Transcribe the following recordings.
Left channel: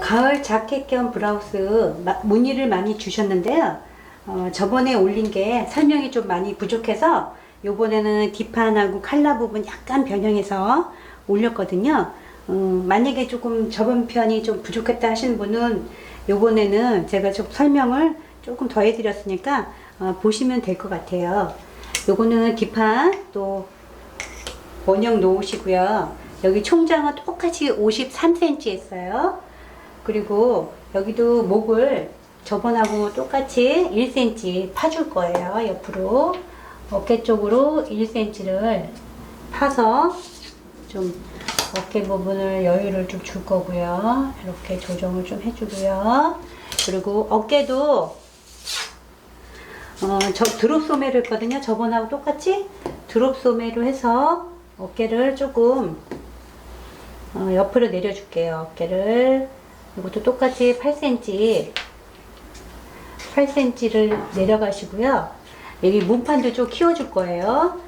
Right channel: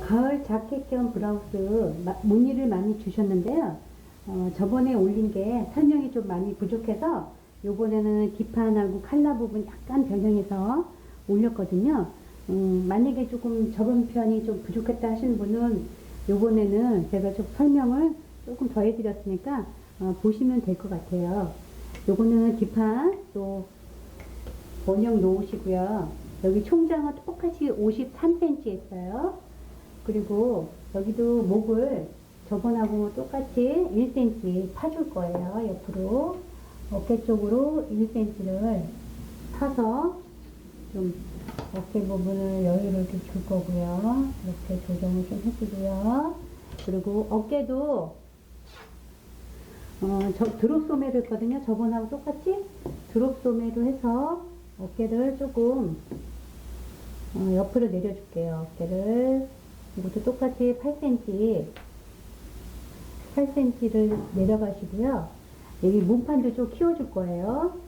가을 자켓 겸 브라우스 문의를 많이 주셨는데요. 저번에 올린 게 설명이 좀 많이 부족해서 요번에는 뒷판하고 칼라 부분 약간 변형해서 올렸거든요. 만약에 조금 저번 편이 좀 부족했다 하시는 분은 요번에는 제가 좀 설명을 조금 더 해드렸으니까 보시면 될 것 같아요. 요거는 뒷판 또 원형 놓으시고요. 여기 총장은 똑같이 53cm 했어요. 그리고 여기도 목을 저번하고 똑같이 1cm 파줄 거예요. 옆으로 어깨 쪽으로 1cm를 파서 좀 어깨 부분을 여유를 좀 줄 거고요. 이렇게 조정을 좀 해주고요. 그리고 어깨도 저 드롭 소매를 했거든요. 저번하고 똑같이 드롭 소매로 해서 어깨를 조금 옆으로 내려줄게요. 어깨를 이것도 똑같이 8cm를 내려가시고요. 여기 몸판도 좀 키워줄 거예요.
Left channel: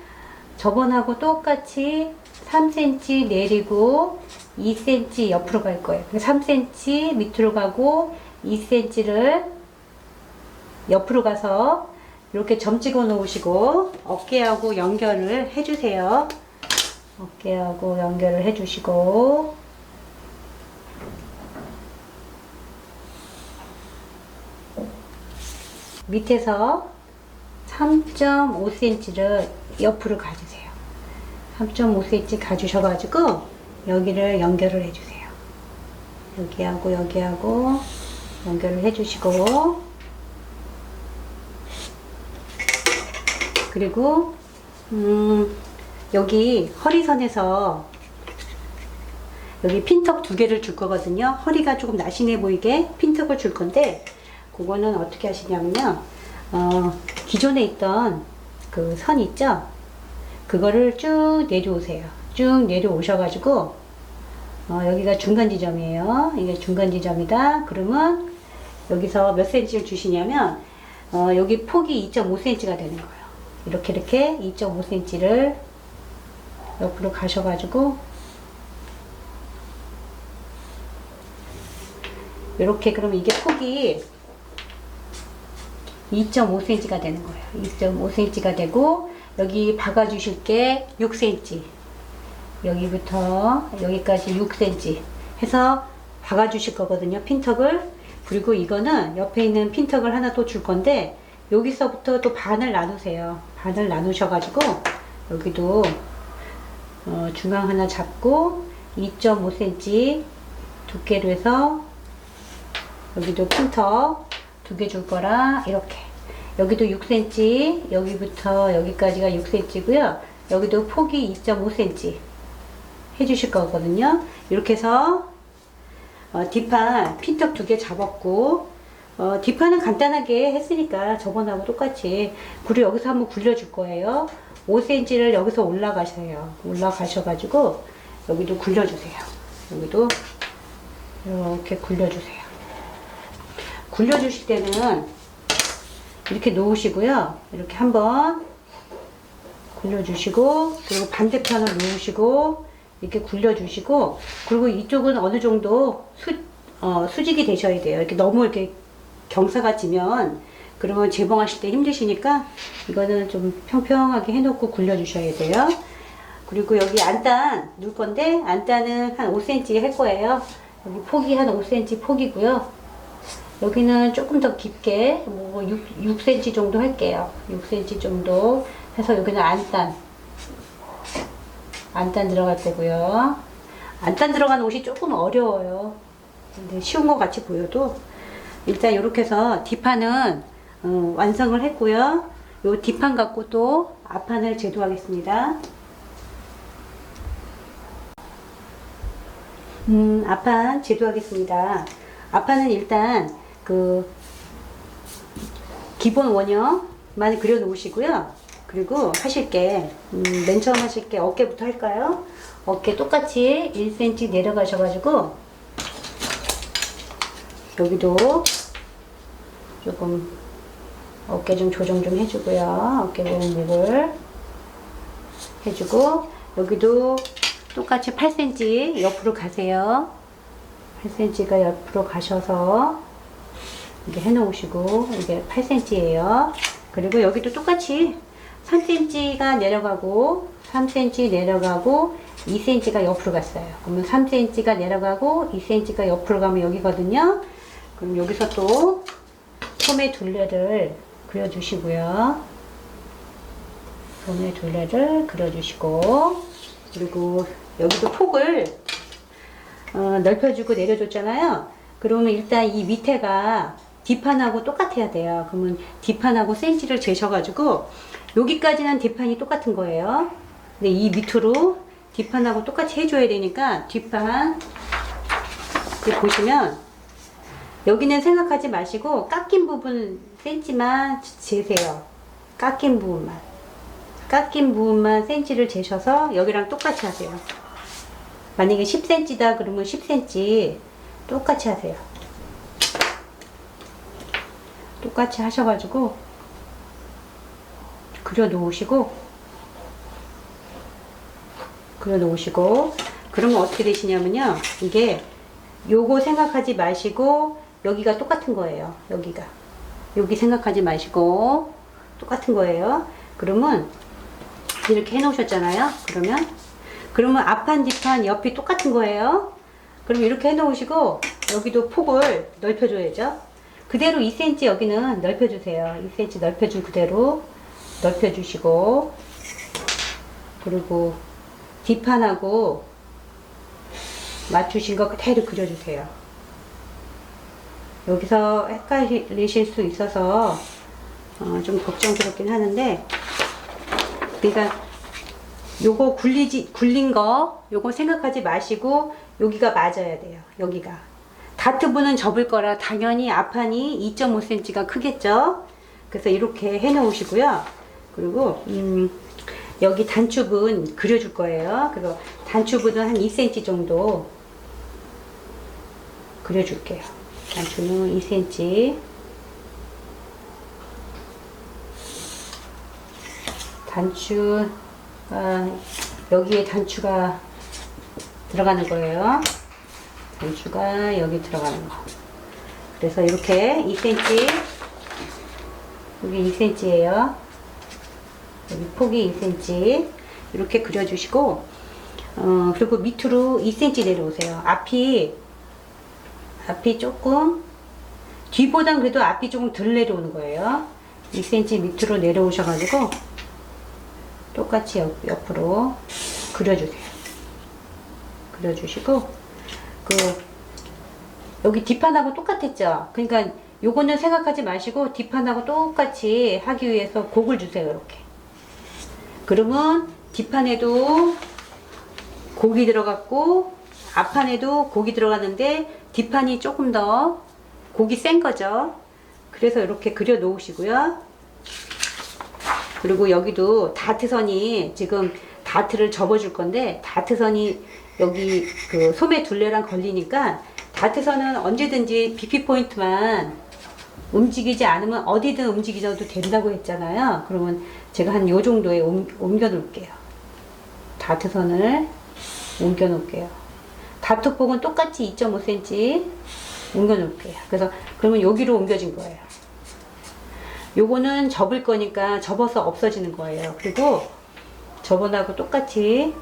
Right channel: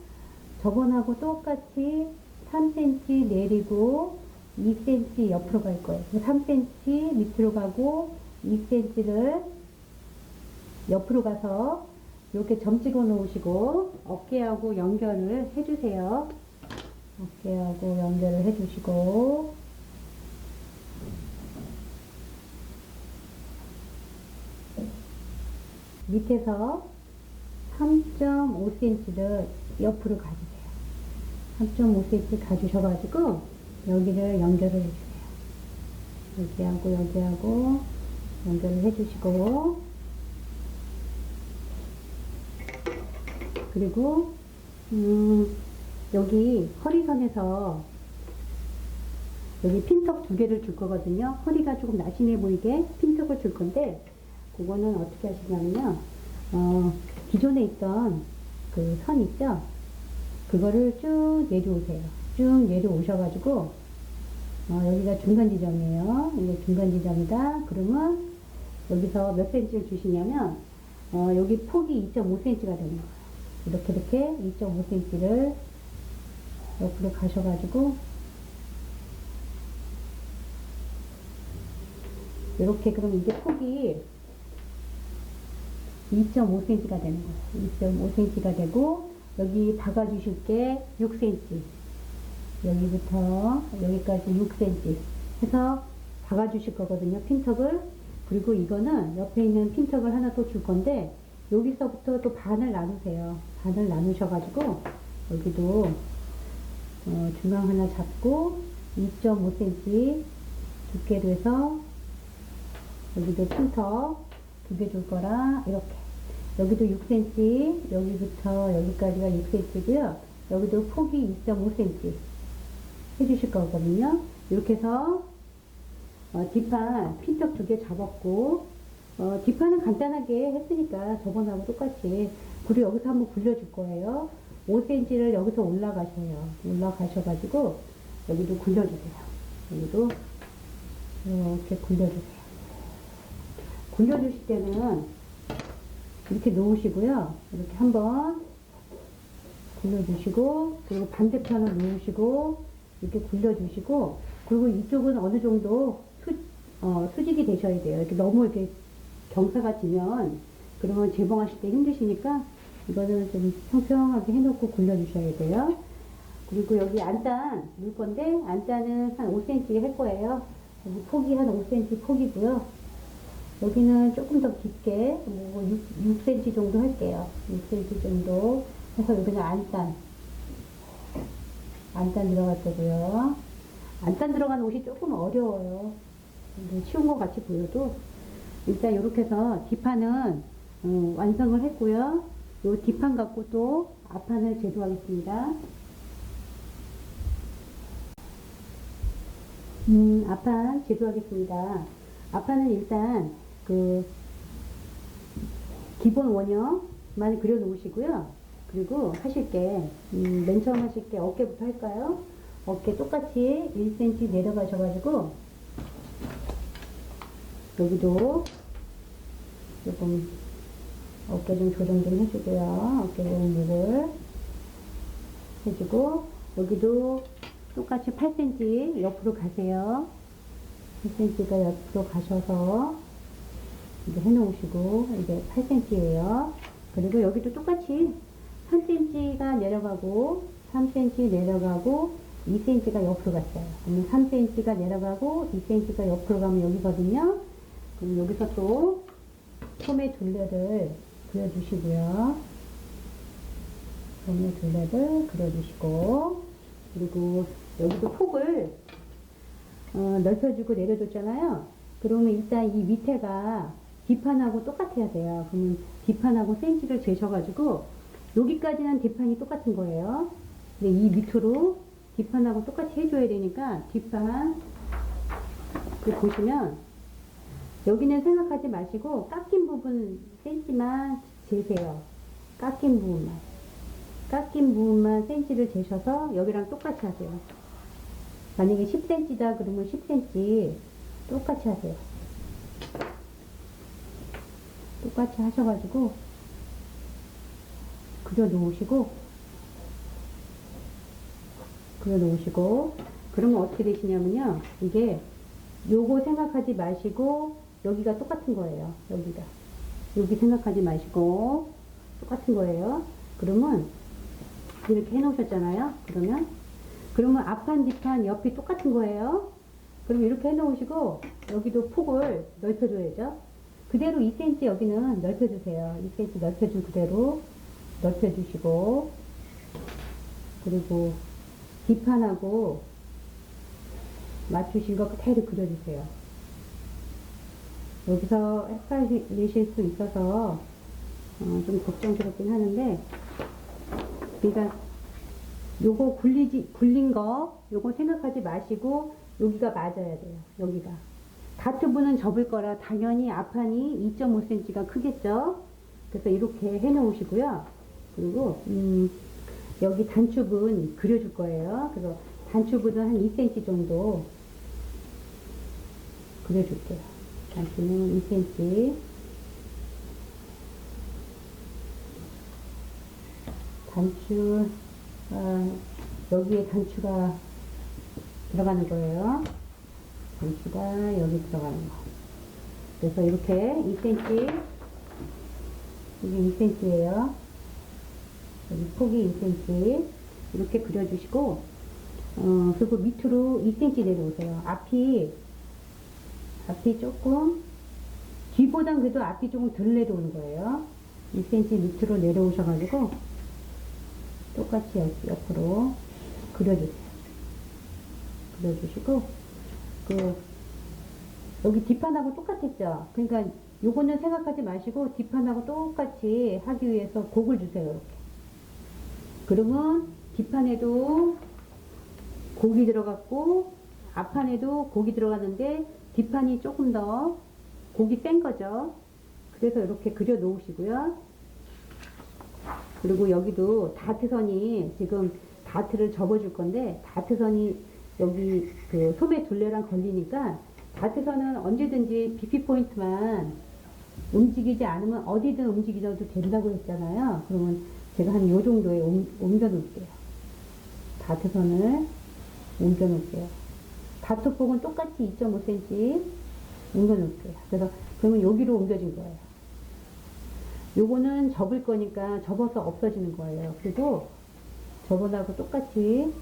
저번하고 똑같이 3cm 내리고 2cm 옆으로 갈 거예요. 3cm 밑으로 가고 2cm를 옆으로 가서 이렇게 점 찍어 놓으시고 어깨하고 연결을 해주세요. 어깨하고 연결을 해주시고 밑에서 3.5cm를 옆으로 가주세요. 3.5cm 가주셔가지고 여기를 연결을 해주세요. 여기하고 여기하고 연결을 해주시고 그리고 여기 허리선에서 여기 핀턱 2개를 줄 거거든요. 허리가 조금 날씬해 보이게 핀턱을 줄 건데 그거는 어떻게 하시냐면요. 기존에 있던 그 선 있죠? 그거를 쭉 내려오세요. 쭉 내려오셔가지고 여기가 중간 지점이에요. 이게 중간 지점이다. 그러면 여기서 몇 cm를 주시냐면 여기 폭이 2.5cm가 되는 거예요. 이렇게 2.5cm를 옆으로 가셔가지고 이렇게 그러면 이게 폭이 2.5cm가 되는 거예요. 2.5cm가 되고 여기 박아주실 게 6cm 여기부터 여기까지 6cm 해서 박아주실 거거든요. 핀턱을. 그리고 이거는 옆에 있는 핀턱을 하나 또 줄 건데 여기서부터 또 반을 나누세요. 반을 나누셔가지고 여기도 중앙 하나 잡고 2.5cm 두께로 해서 여기도 핀턱 2개 줄 거라 이렇게 여기도 6cm 여기부터 여기까지가 6cm고요. 여기도 폭이 2.5cm 해주실 거거든요. 이렇게 해서 뒷판 핀턱 2개 잡았고 뒷판은 간단하게 했으니까 저번하고 똑같이 그리고 여기서 한번 굴려줄 거예요. 5cm를 여기서 올라가셔요. 올라가셔가지고 여기도 굴려주세요. 여기도 이렇게 굴려주세요. 굴려주실 때는 이렇게 놓으시고요. 이렇게 한번 굴려주시고 그리고 반대편을 놓으시고 이렇게 굴려주시고 그리고 이쪽은 어느 정도 수직이 되셔야 돼요. 이렇게 너무 이렇게 경사가 지면 그러면 재봉하실 때 힘드시니까 이거는 좀 평평하게 해놓고 굴려주셔야 돼요. 그리고 여기 안단 넣을 건데 안단은 한 5cm 할 거예요. 여기 폭이 한 5cm 폭이고요. 여기는 조금 더 깊게 뭐 6cm 정도 할게요. 6cm 정도 해서 여기는 안단 들어갈 거고요. 안단 들어간 옷이 조금 어려워요. 근데 쉬운 것 같이 보여도 일단 이렇게 해서 뒷판은 완성을 했고요. 요 뒷판 갖고 또 앞판을 제도하겠습니다. 앞판 제도하겠습니다. 앞판은 일단 그 기본 원형만 그려 놓으시고요. 그리고 하실 게 맨 처음 하실 게 어깨부터 할까요? 어깨 똑같이 1cm 내려가셔가지고 여기도 조금 어깨 좀 조정 좀 해주고요. 어깨 부분 목을 해주고 여기도 똑같이 8cm 옆으로 가세요. 8cm가 옆으로 가셔서 이렇게 해 놓으시고, 이게 8cm예요. 그리고 여기도 똑같이 3cm가 내려가고 3cm 내려가고 2cm가 옆으로 갔어요. 그러면 3cm가 내려가고 2cm가 옆으로 가면 여기거든요. 그럼 여기서 또 소매 둘레를 그려주시고요. 소매 둘레를 그려주시고, 그리고 여기도 폭을 넓혀주고 내려줬잖아요. 그러면 일단 이 밑에가 뒷판하고 똑같아야 돼요. 그러면 뒷판하고 센치를 재셔가지고 여기까지는 뒷판이 똑같은 거예요. 근데 이 밑으로 뒷판하고 똑같이 해줘야 되니까 뒷판 보시면 여기는 생각하지 마시고 깎인 부분 센치만 재세요. 깎인 부분만 센치를 재셔서 여기랑 똑같이 하세요. 만약에 10cm다 그러면 10cm 똑같이 하세요. 똑같이 하셔가지고 그려 놓으시고 그러면 어떻게 되시냐면요, 이게 요거 생각하지 마시고 여기가 똑같은 거예요. 여기 생각하지 마시고 똑같은 거예요. 그러면 이렇게 해 놓으셨잖아요. 그러면 앞판 뒷판 옆이 똑같은 거예요. 그럼 이렇게 해 놓으시고 여기도 폭을 넓혀줘야죠. 그대로 2cm 여기는 넓혀주세요. 2cm 넓혀준 그대로 넓혀주시고, 그리고 뒷판하고 맞추신 거 그대로 그려주세요. 여기서 헷갈리실 수 있어서 좀 걱정스럽긴 하는데, 그러니까 요거 굴린 거 요거 생각하지 마시고 여기가 맞아야 돼요. 여기가 다트분은 접을 거라 당연히 앞판이 2.5cm가 크겠죠. 그래서 이렇게 해 놓으시고요. 그리고 여기 단축은 그려줄 거예요. 그래서 단축은 한 2cm 정도 그려줄게요. 단축은 2cm. 단추, 여기에 단추가 들어가는 거예요. 단추가 여기 들어가는 거. 그래서 이렇게 2cm, 여기 2cm예요. 여기 폭이 2cm 이렇게 그려주시고, 그리고 밑으로 2cm 내려오세요. 앞이 조금 뒤보단 그래도 앞이 조금 덜 내려오는 거예요. 2cm 밑으로 내려오셔가지고 똑같이 옆으로 그려주세요. 그려주시고, 여기 뒷판하고 똑같았죠? 그러니까 요거는 생각하지 마시고 뒷판하고 똑같이 하기 위해서 곡을 주세요. 이렇게. 그러면 뒷판에도 곡이 들어갔고 앞판에도 곡이 들어갔는데 뒷판이 조금 더 곡이 센 거죠. 그래서 이렇게 그려 놓으시고요. 그리고 여기도 다트선이 지금 다트를 접어줄 건데, 다트선이 여기 그 소매 둘레랑 걸리니까 다트선은 언제든지 BP 포인트만 움직이지 않으면 어디든 움직이셔도 된다고 했잖아요. 그러면 제가 한 요 정도에 옮겨 놓을게요. 다트선을 옮겨 놓을게요. 다트폭은 똑같이 2.5cm 옮겨 놓을게요. 그래서 그러면 여기로 옮겨진 거예요. 요거는 접을 거니까 접어서 없어지는 거예요. 그리고 저번하고 똑같이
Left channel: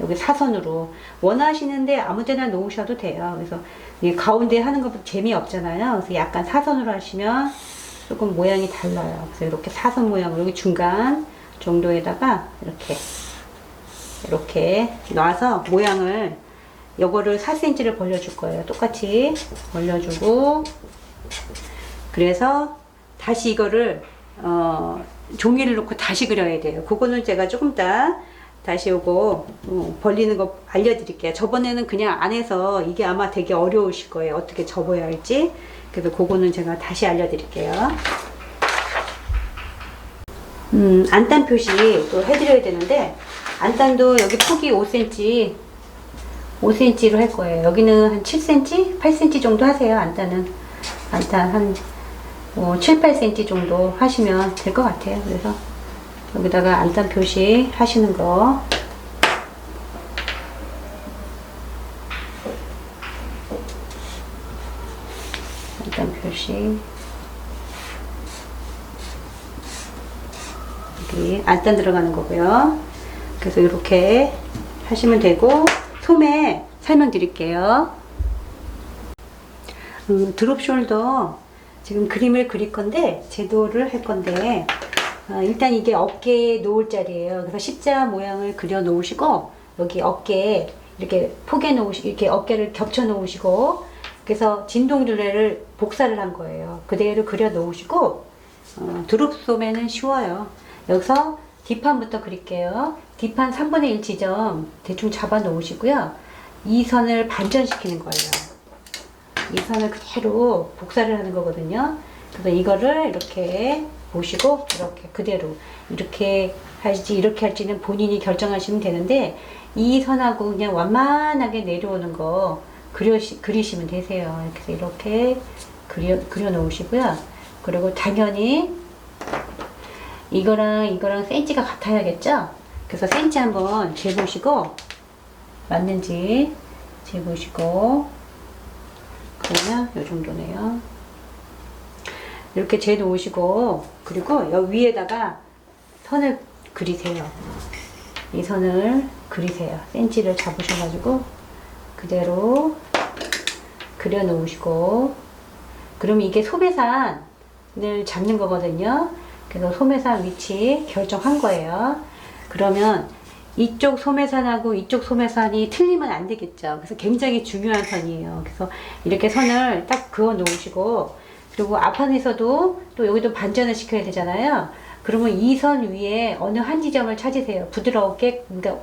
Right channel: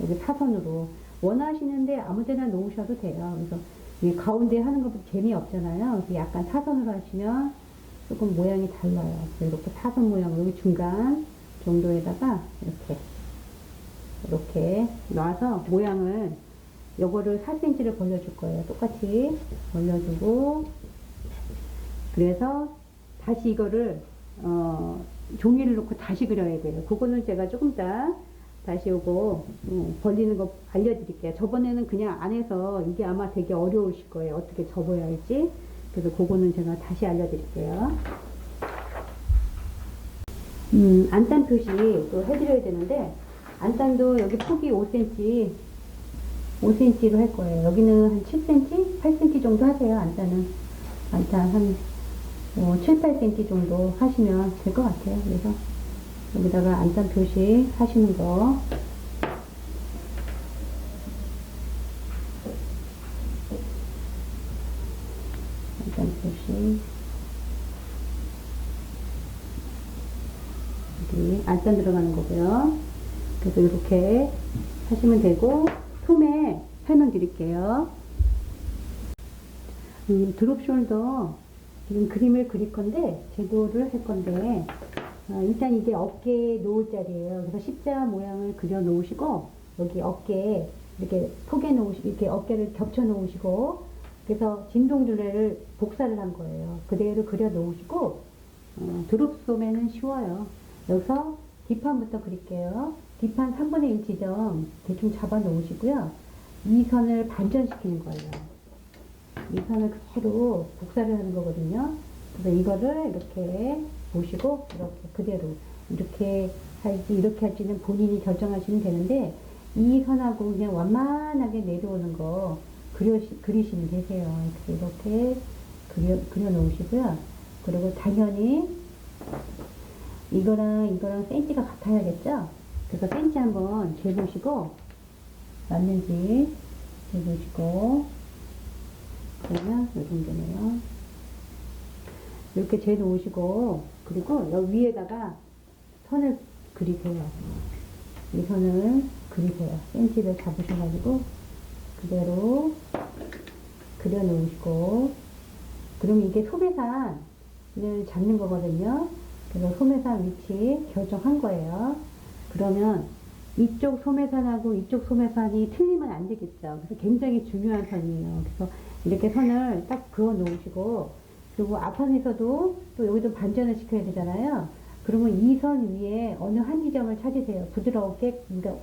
여기 사선으로 원하시는데 아무 데나 놓으셔도 돼요. 그래서 이 가운데 하는 것도 재미없잖아요. 그래서 약간 사선으로 하시면 조금 모양이 달라요. 그래서 이렇게 사선 모양으로 여기 중간 정도에다가 이렇게 놔서 모양을, 요거를 4cm를 벌려줄 거예요. 똑같이 벌려주고, 그래서 다시 이거를 종이를 놓고 다시 그려야 돼요. 그거는 제가 조금 이따 다시 요거 벌리는 거 알려드릴게요. 저번에는 그냥 안에서 이게 아마 되게 어려우실 거예요. 어떻게 접어야 할지. 그래서 그거는 제가 다시 알려드릴게요. 안단 표시 또 해드려야 되는데, 안단도 여기 폭이 5cm로 할 거예요. 여기는 한 7cm, 8cm 정도 하세요. 안단 한 7, 8cm 정도 하시면 될 것 같아요. 그래서 여기다가 안단 표시 하시는 거. 점 표시. 여기 안단 들어가는 거고요. 그래서 이렇게 하시면 되고, 소매 설명드릴게요. 드롭 숄더 지금 그림을 그릴 건데, 제도를 할 건데, 일단 이게 어깨에 놓을 자리예요. 그래서 십자 모양을 그려 놓으시고, 여기 어깨에 이렇게 포개 놓으시고, 이렇게 어깨를 겹쳐 놓으시고, 그래서 진동둘레를 복사를 한 거예요. 그대로 그려 놓으시고, 드롭 소매는 쉬워요. 여기서 뒷판부터 그릴게요. 뒷판 3분의 1 지점 대충 잡아 놓으시고요. 이 선을 반전시키는 거예요. 이 선을 그대로 복사를 하는 거거든요. 그래서 이거를 이렇게 보시고, 이렇게 그대로 이렇게 할지 이렇게 할지는 본인이 결정하시면 되는데, 이 선하고 그냥 완만하게 내려오는 거 그리시면 되세요. 그래서 이렇게 그려 놓으시고요. 그리고 당연히 이거랑 센치가 같아야겠죠? 그래서 센치 한번 재보시고, 맞는지 재보시고, 그러면 요 정도네요. 이렇게 재놓으시고, 그리고 여기 위에다가 선을 그리세요. 이 선을 그리세요. 센치를 잡으셔가지고 그대로 그려 놓으시고, 그러면 이게 소매산을 잡는 거거든요. 그래서 소매산 위치 결정한 거예요. 그러면 이쪽 소매산하고 이쪽 소매산이 틀리면 안 되겠죠. 그래서 굉장히 중요한 선이에요. 그래서 이렇게 선을 딱 그어 놓으시고, 그리고 앞판에서도 또 여기도 반전을 시켜야 되잖아요. 그러면 이 선 위에 어느 한 지점을 찾으세요. 부드럽게, 그러니까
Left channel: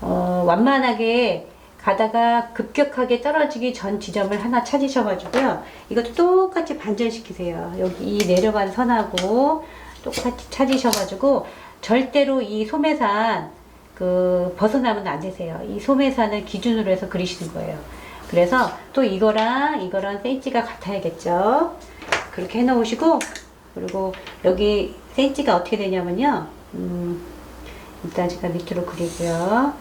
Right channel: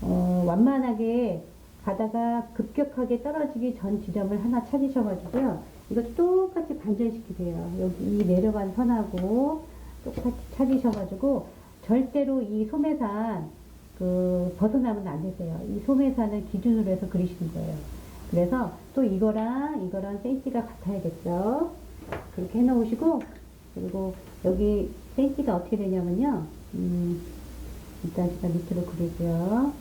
완만하게 가다가 급격하게 떨어지기 전 지점을 하나 찾으셔가지고요. 이것도 똑같이 반전시키세요. 여기 이 내려간 선하고 똑같이 찾으셔가지고, 절대로 이 소매산 벗어나면 안 되세요. 이 소매산을 기준으로 해서 그리시는 거예요. 그래서 또 이거랑 센치가 같아야겠죠. 그렇게 해 놓으시고, 그리고 여기 센치가 어떻게 되냐면요. 일단 제가 밑으로 그리고요.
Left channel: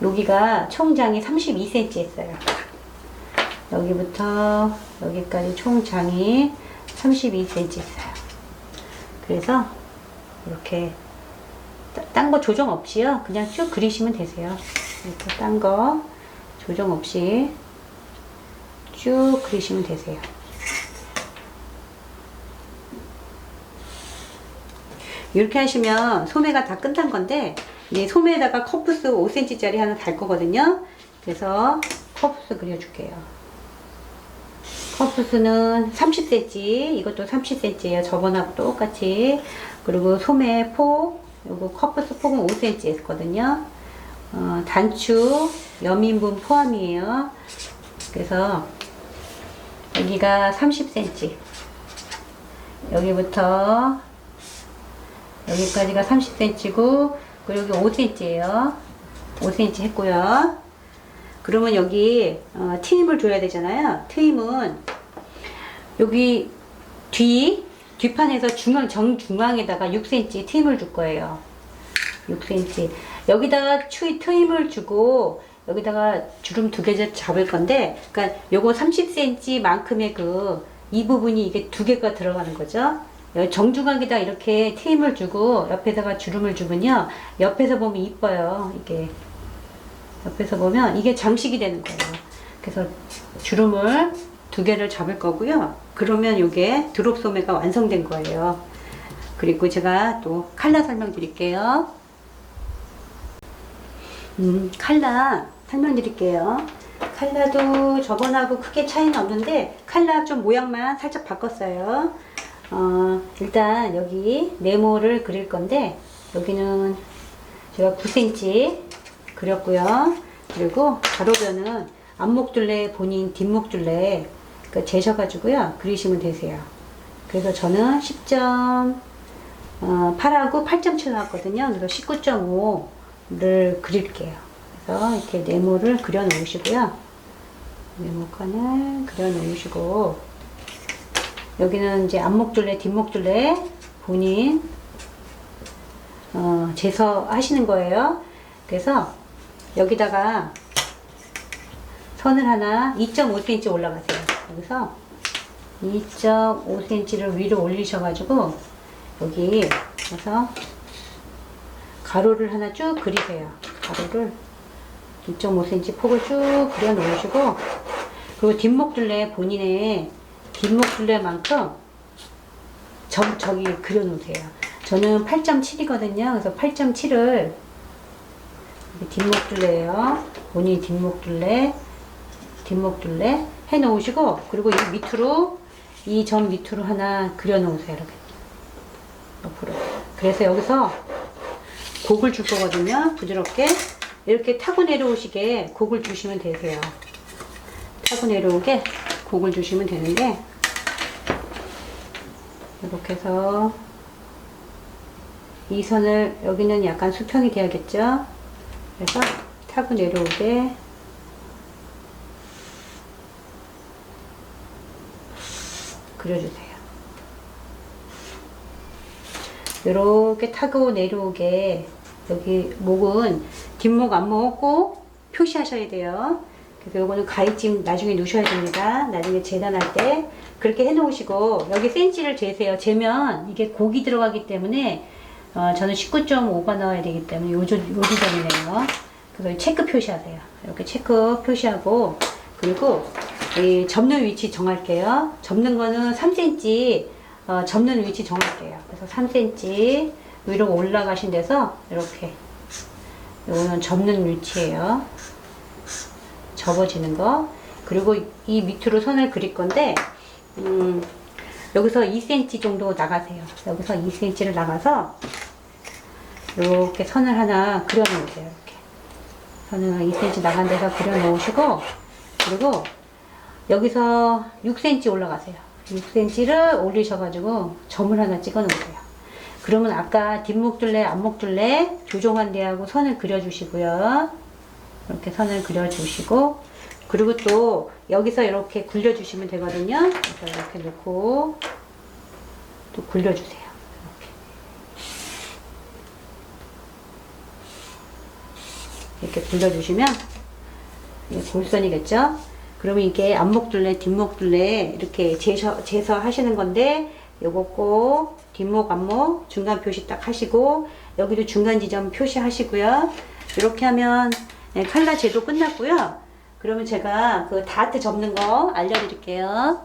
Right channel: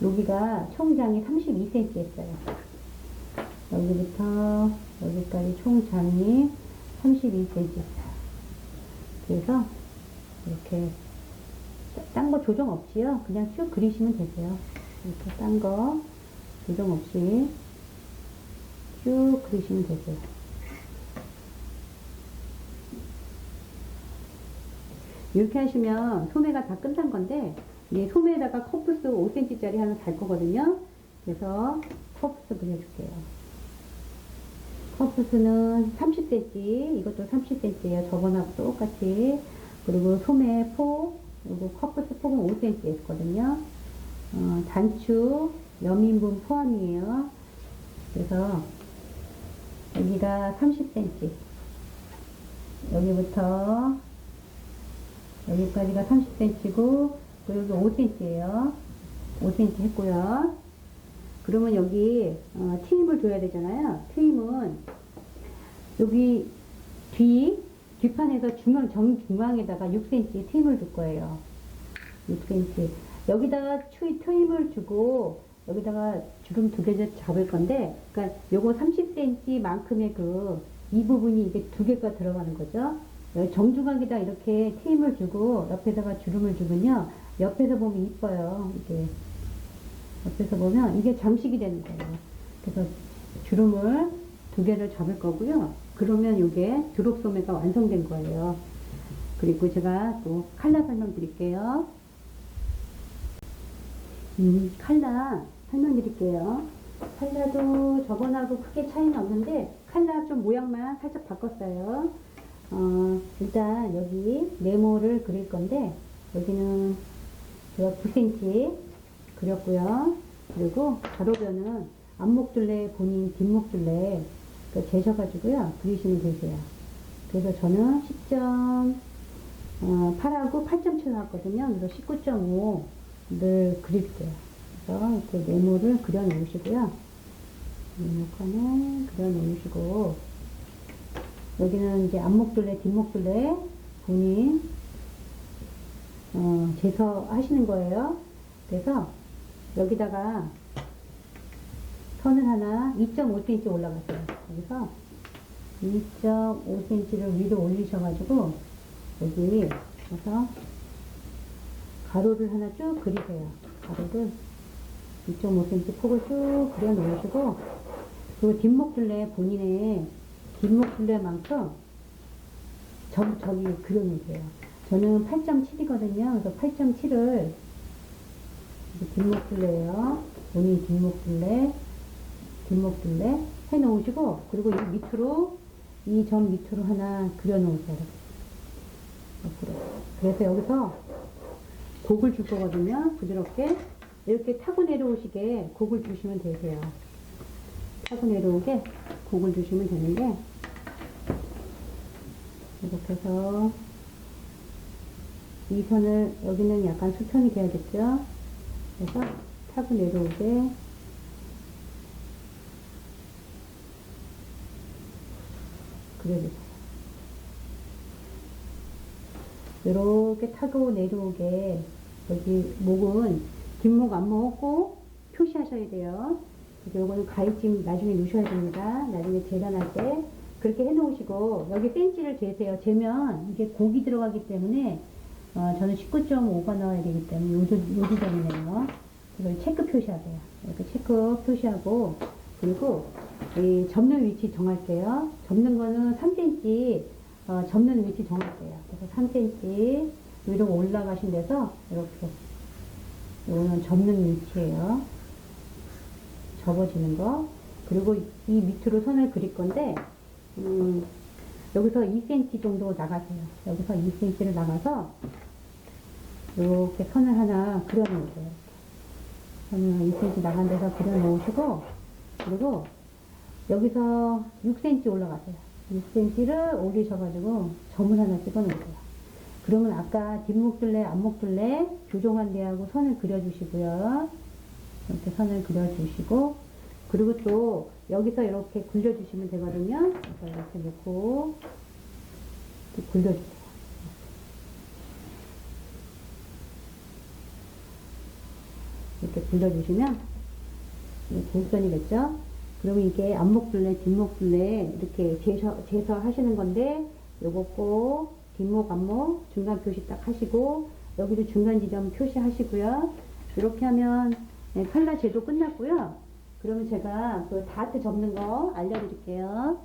여기가 총장이 32cm 했어요. 여기부터 여기까지 총장이 32cm 했어요. 그래서 이렇게 딴 거 조정 없이요. 그냥 쭉 그리시면 되세요. 이렇게 딴 거 조정 없이 쭉 그리시면 되세요. 이렇게 하시면 소매가 다 끝난 건데, 이제 소매에다가 컵부스 5cm짜리 하나 달 거거든요. 그래서 컵부스 그려줄게요. 컵부스는 30cm, 이것도 30cm예요. 저번하고 똑같이. 그리고 소매 폭, 요거 컵부스 폭은 5cm 했거든요. 단추, 여민분 포함이에요. 그래서 여기가 30cm, 여기부터 여기까지가 30cm고, 그리고 여기 5cm예요. 5cm 했고요. 그러면 여기 트임을 줘야 되잖아요. 트임은 여기 뒷판에서 정중앙에다가 6cm 트임을 줄 거예요. 6cm. 여기다가 트임을 주고, 여기다가 주름 2개 잡을 건데, 그러니까 요거 30cm 만큼의 이 부분이 이게 2개가 들어가는 거죠. 정중앙에다 이렇게 트임을 주고 옆에다가 주름을 주면요, 옆에서 보면 이뻐요. 이게 옆에서 보면 이게 장식이 되는 거예요. 그래서 주름을 2개를 잡을 거고요. 그러면 이게 드롭 소매가 완성된 거예요. 그리고 제가 또 칼라 설명드릴게요. 칼라 설명드릴게요. 칼라도 저번하고 크게 차이는 없는데, 칼라 좀 모양만 살짝 바꿨어요. 일단 여기 네모를 그릴 건데, 여기는 제가 9cm 그렸고요. 그리고 가로변은 앞목둘레 본인 뒷목둘레 재셔가지고요 그리시면 되세요. 그래서 저는 10.8하고 8.7 나왔거든요. 그래서 19.5를 그릴게요. 그래서 이렇게 네모를 그려 놓으시고요. 네모칸을 그려 놓으시고, 여기는 이제 앞목둘레 뒷목둘레 본인 재서 하시는 거예요. 그래서 여기다가 선을 하나 2.5cm 올라가세요. 여기서 2.5cm를 위로 올리셔가지고 여기 그래서 가로를 하나 쭉 그리세요. 가로를 2.5cm 폭을 쭉 그려 놓으시고, 그리고 뒷목둘레 본인의 뒷목둘레만큼 저기 그려 놓으세요. 저는 8.7이거든요. 그래서 8.7을 뒷목둘레예요. 본인 뒷목둘레 해 놓으시고, 그리고 이 밑으로 이 점 밑으로 하나 그려 놓으세요. 이렇게 옆으로. 그래서 여기서 곡을 줄 거거든요. 부드럽게 이렇게 타고 내려오시게 곡을 주시면 되세요. 타고 내려오게 곡을 주시면 되는데, 이렇게 해서 이 선을, 여기는 약간 수평이 돼야겠죠. 그래서 타고 내려오게 그려주세요. 이렇게 타고 내려오게. 여기 목은 뒷목 앞목 꼭 표시하셔야 돼요. 그래서 요거는 가위찜 나중에 넣으셔야 됩니다. 나중에 재단할 때 그렇게 해 놓으시고, 여기 센치를 재세요. 재면 이게 곡이 들어가기 때문에 저는 19.5가 나와야 되기 때문에 요 지점이네요. 그래서 체크 표시하세요. 이렇게 체크 표시하고, 그리고 이 접는 위치 정할게요. 접는 거는 3cm 접는 위치 정할게요. 그래서 3cm 위로 올라가신 데서 이렇게, 요거는 접는 위치예요. 접어지는 거. 그리고 이 밑으로 선을 그릴 건데, 여기서 2cm 정도 나가세요. 여기서 2cm를 나가서 이렇게 선을 하나 그려 놓으세요. 이렇게 선을 2cm 나간 데서 그려 놓으시고, 그리고 여기서 6cm 올라가세요. 6cm를 올리셔가지고 점을 하나 찍어 놓으세요. 그러면 아까 뒷목둘레, 앞목둘레 조정한 데하고 선을 그려주시고요. 이렇게 선을 그려주시고, 그리고 또 여기서 이렇게 굴려주시면 되거든요. 그래서 이렇게 놓고 또 굴려주세요. 이렇게 굴려주시면 이게 골선이겠죠? 그러면 이게 앞목둘레, 뒷목둘레 이렇게 재서 하시는 건데, 요거 꼭 뒷목, 앞목 중간 표시 딱 하시고, 여기도 중간 지점 표시하시고요. 이렇게 하면 칼라 제도 끝났고요. 그러면 제가 그 다트 접는 거 알려드릴게요.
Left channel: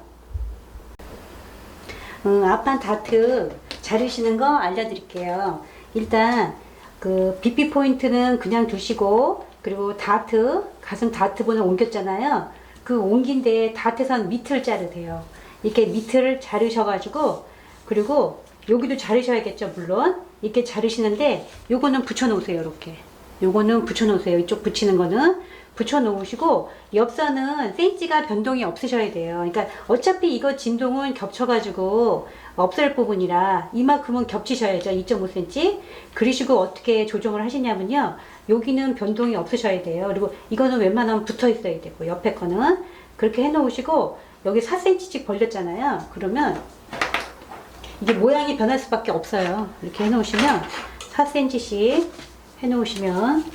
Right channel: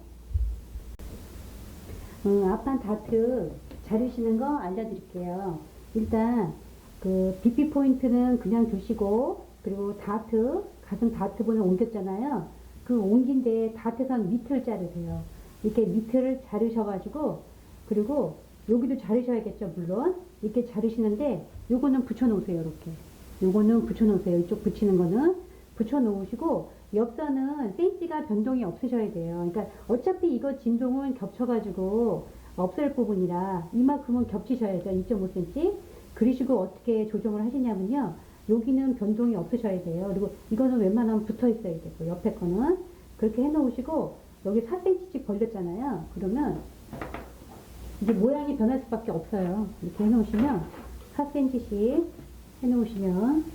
앞판 다트 자르시는 거 알려드릴게요. 일단 그 BP 포인트는 그냥 두시고, 그리고 다트, 가슴 다트 번호 옮겼잖아요. 그 옮긴 데에 다트선 밑을 자르세요. 이렇게 밑을 자르셔가지고, 그리고 여기도 자르셔야겠죠, 물론. 이렇게 자르시는데, 요거는 붙여 놓으세요. 이렇게 요거는 붙여 놓으세요. 이쪽 붙이는 거는 붙여 놓으시고, 옆선은 센치가 변동이 없으셔야 돼요. 그러니까 어차피 이거 진동은 겹쳐가지고 없을 부분이라 이만큼은 겹치셔야죠. 2.5cm. 그러시고 어떻게 조정을 하시냐면요, 여기는 변동이 없으셔야 돼요. 그리고 이거는 웬만하면 붙어 있어야 되고, 옆에 거는 그렇게 해 놓으시고, 여기 4cm씩 벌렸잖아요. 그러면 이게 모양이 변할 수밖에 없어요. 이렇게 해 놓으시면 4cm씩 해 놓으시면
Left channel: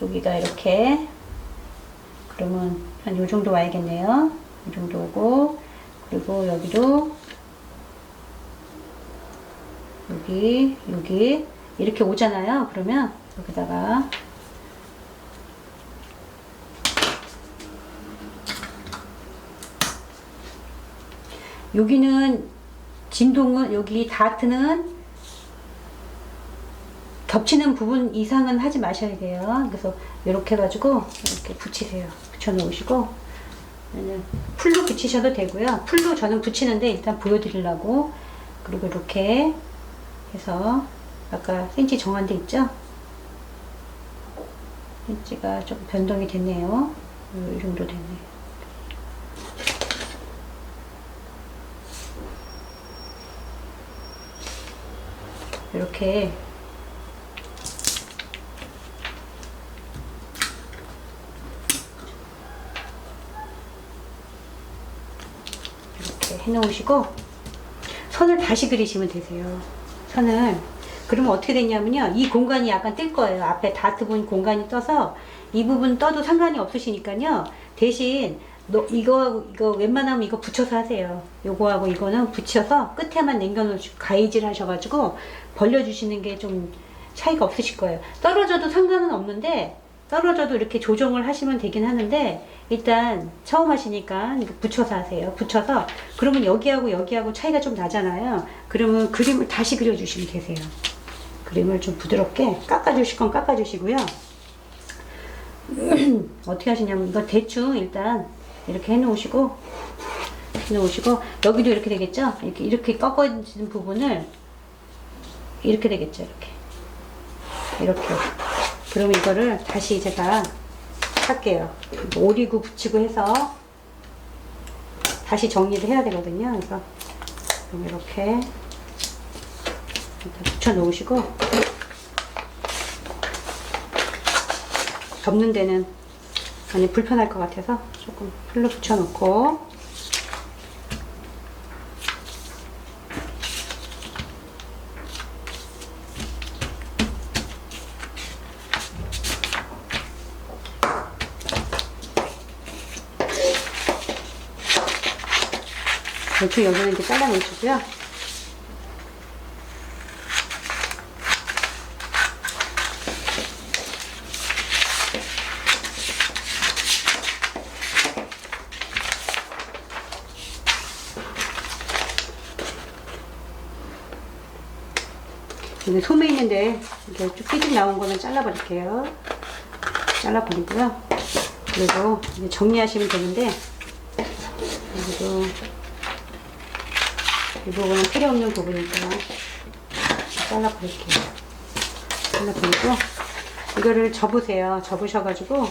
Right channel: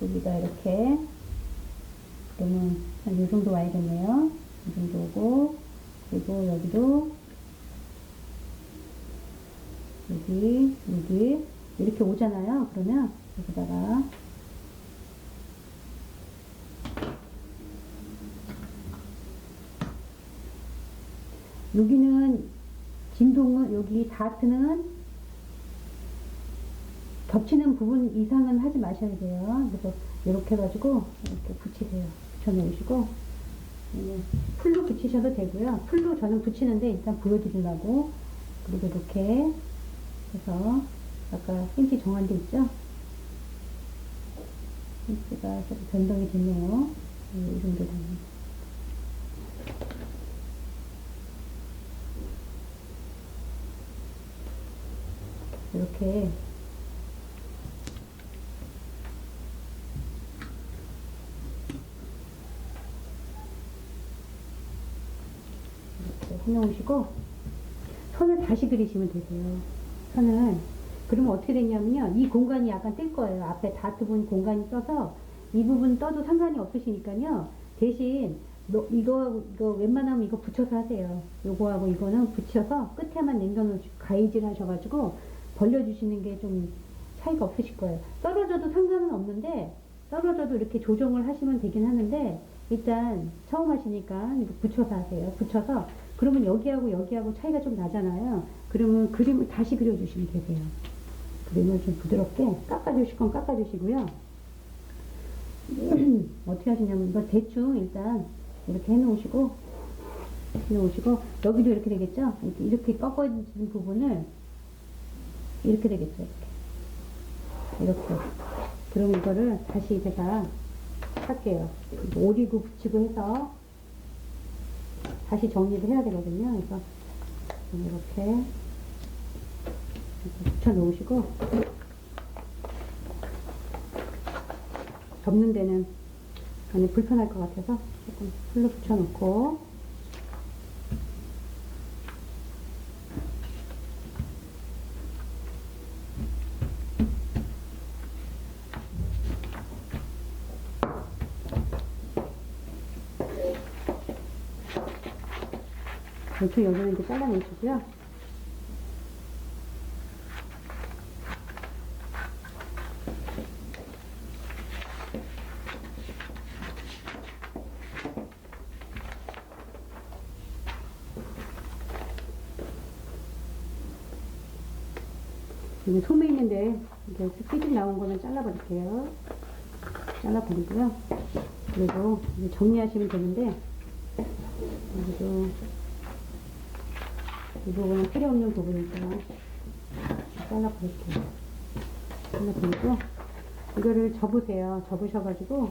여기가 이렇게, 그러면 한 요 정도 와야겠네요. 이 정도 오고, 그리고 여기도 여기 이렇게 오잖아요. 그러면 여기다가 여기는 진동은, 여기 다트는 겹치는 부분 이상은 하지 마셔야 돼요. 그래서 이렇게 해가지고 이렇게 붙이세요. 붙여 놓으시고, 풀로 붙이셔도 되고요. 풀로 저는 붙이는데 일단 보여드리려고. 그리고 이렇게 해서 아까 센치 정한 데 있죠? 센치가 좀 변동이 됐네요. 이 정도 됐네요. 이렇게 해 놓으시고, 선을 다시 그리시면 되세요. 선을. 그러면 어떻게 되냐면요, 이 공간이 약간 뜰 거예요. 앞에 다트 본 공간이 떠서 이 부분 떠도 상관이 없으시니까요. 대신 이거 웬만하면 이거 붙여서 하세요. 요거하고 이거는 붙여서 끝에만 남겨놓으시고 가위질 하셔가지고 벌려주시는 게 좀 차이가 없으실 거예요. 떨어져도 상관은 없는데, 떨어져도 이렇게 조정을 하시면 되긴 하는데, 일단 처음 하시니까 이거 붙여서 하세요. 붙여서, 그러면 여기하고 차이가 좀 나잖아요. 그러면 그림을 다시 그려주시면 되세요. 그림을 좀 부드럽게 깎아주실 건 깎아주시고요. 어떻게 하시냐면, 이거 대충 일단 이렇게 해놓으시고, 여기도 이렇게 되겠죠? 이렇게 꺾어진 부분을 이렇게 되겠죠? 이렇게. 그러면 이거를 다시 제가 할게요. 오리고 붙이고 해서 다시 정리를 해야 되거든요. 그래서 이렇게 붙여 놓으시고, 접는 데는 많이 불편할 것 같아서 조금 풀로 붙여 놓고, 대충 여기는 이렇게 잘라 놓으시고요. 여기 소매 있는데 이렇게 쭉 삐죽 나온 거는 잘라버릴게요. 잘라버리고요. 그리고 이제 정리하시면 되는데, 여기도 이 부분은 필요 없는 부분이니까 잘라버릴게요. 잘라버리고, 이거를 접으세요. 접으셔가지고,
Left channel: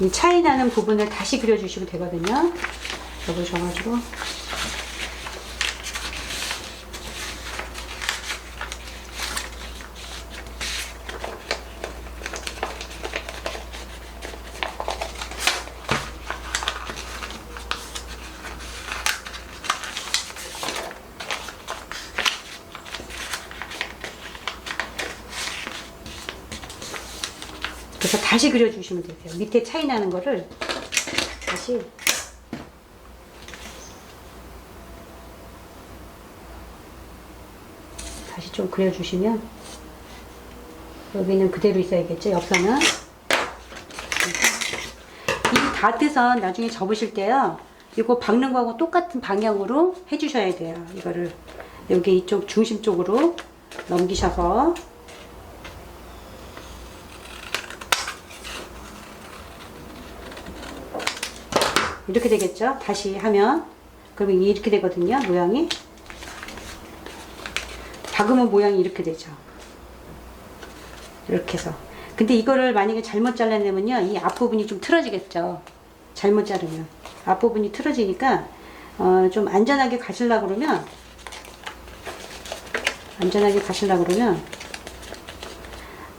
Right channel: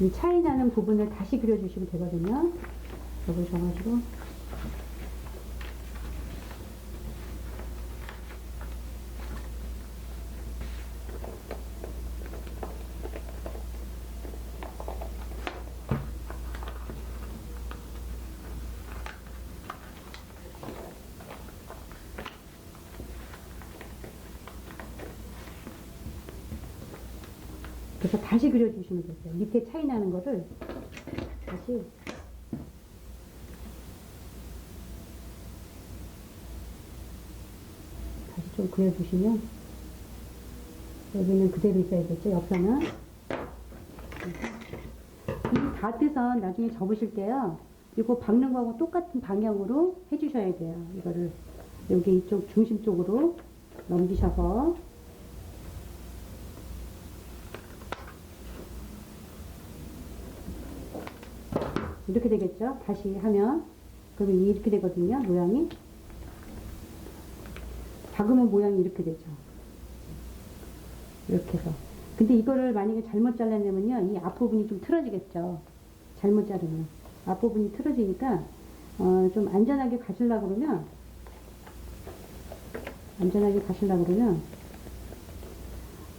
이 차이 나는 부분을 다시 그려주시면 되거든요. 접으셔가지고. 그래서 다시 그려주시면 되세요. 밑에 차이 나는 거를 다시 좀 그려주시면, 여기는 그대로 있어야겠죠, 옆선은. 이 다트선 나중에 접으실 때요, 이거 박는 거하고 똑같은 방향으로 해주셔야 돼요. 이거를 여기 이쪽 중심 쪽으로 넘기셔서, 이렇게 되겠죠? 다시 하면. 그러면 이렇게 되거든요, 모양이. 박으면 모양이 이렇게 되죠. 이렇게 해서. 근데 이거를 만약에 잘못 잘라내면요, 이 앞부분이 좀 틀어지겠죠. 잘못 자르면. 앞부분이 틀어지니까, 좀 안전하게 가시려고 그러면,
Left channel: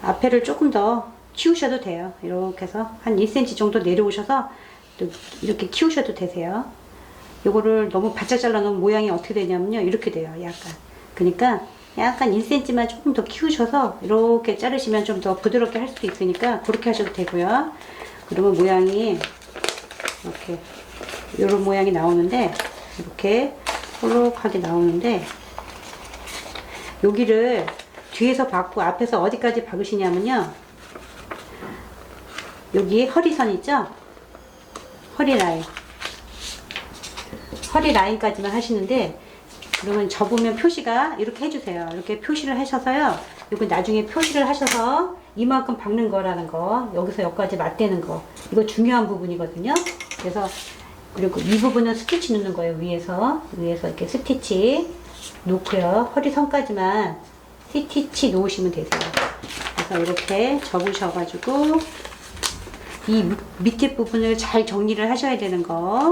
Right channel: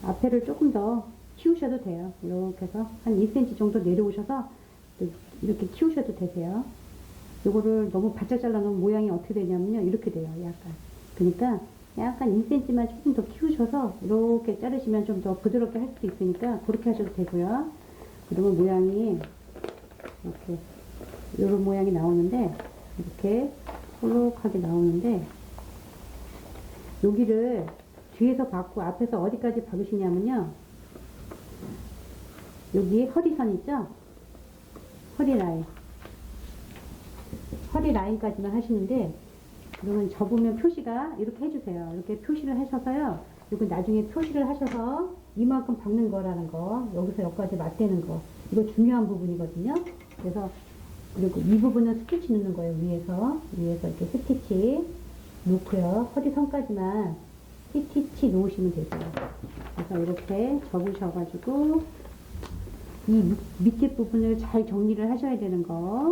앞에를 조금 더 키우셔도 돼요. 이렇게 해서 한 1cm 정도 내려오셔서, 또 이렇게 키우셔도 되세요. 요거를 너무 바짝 잘라놓으면 모양이 어떻게 되냐면요, 이렇게 돼요. 약간. 그러니까 약간 1cm만 조금 더 키우셔서 이렇게 자르시면 좀 더 부드럽게 할 수도 있으니까 그렇게 하셔도 되고요. 그러면 모양이 이렇게 요런 모양이 나오는데, 이렇게 볼록하게 나오는데, 여기를 뒤에서 박고 앞에서 어디까지 박으시냐면요, 여기 허리선 있죠? 허리 라인까지만 하시는데, 그러면 접으면 표시가 이렇게 해주세요. 이렇게 표시를 하셔서요, 이거 나중에 표시를 하셔서 이만큼 박는 거라는 거, 여기서 여기까지 맞대는 거, 이거 중요한 부분이거든요. 그래서, 그리고 이 부분은 스티치 넣는 거예요. 위에서 이렇게 스티치 놓고요, 허리선까지만 스티치 놓으시면 되세요. 그래서 이렇게 접으셔가지고 이 밑에 부분을 잘 정리를 하셔야 되는 거.